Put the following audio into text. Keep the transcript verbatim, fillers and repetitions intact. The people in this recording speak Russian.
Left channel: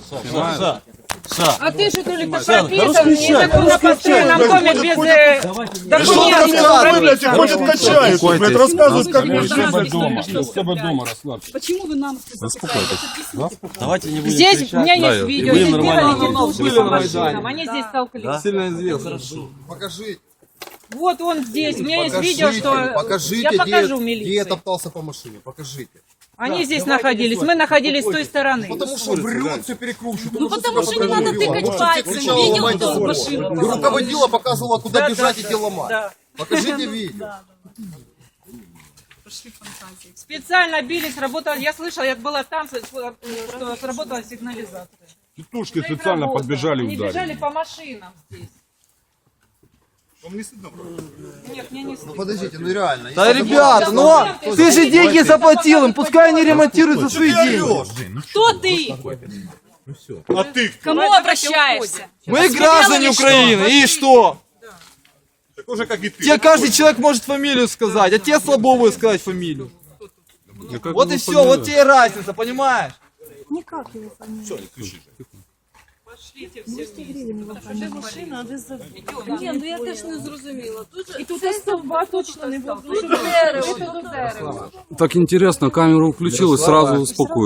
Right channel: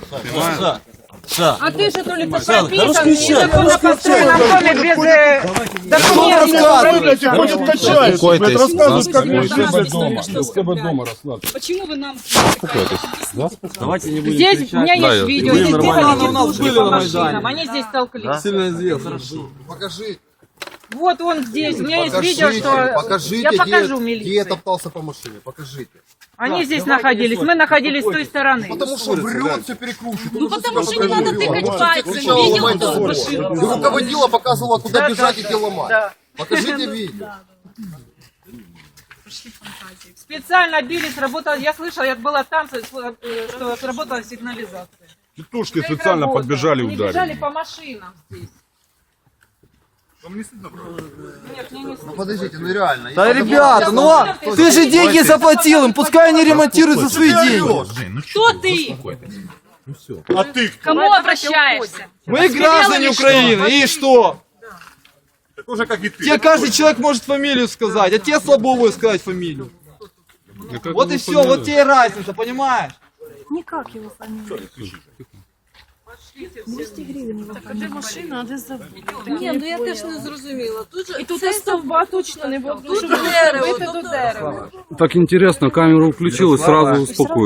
Ша, ша. А ты что, то ли ты прописан, незаконно построенном доме без э, документов? Вы, блядь, их ходят качают, блядь, рассказывают, как мне жить. Почему вы нам... Давайте не будем Здесь, кричать. у меня есть видео, здесь бегали тетушки по на машинам, они здесь толклись. Сильно сделал. Покажите, Вот он здесь, у меня есть видео, покажите, что... покажите, Я где, покажу где я милиции. топтался по машине, покажите. Они здесь находились, мы находились с той стороны. Потому что врет, все перекручивает, он уже себя потому что не надо по-другому вел. тыкать Он все пальцем, кричал, видео ломайте было забор. машину. И руководила, показывала, куда бежать и где ломать. Да. Покажите видео. Специально били, сработала, я слышала, я была там, что сработала сигнализация. Тетушки специально подбежали и Они ударили. бежали по машинам здесь. Нет, мне не стыдно. Подождите, ну реально. Да, ребята, ну ты же деньги заплатил им, пускай они ремонтируют за свои деньги. Кто ты? А ты кто? Кому обращаешься? Мы граждане Украины, и что? Такой же, как и ты. Тебе каждый человек может фамилию сказать, а тебе слабо будет сказать фамилию. Вот и все, вот тебе и разница, понимаешь? Никак его фамилия. двісті гривень його фамілія. Ні, ну я теж не зрозуміла. Тут же І тут стовба точно не було, тому що дерево, бити до дерева. Так интересно, камеру включил и сразу успокоил.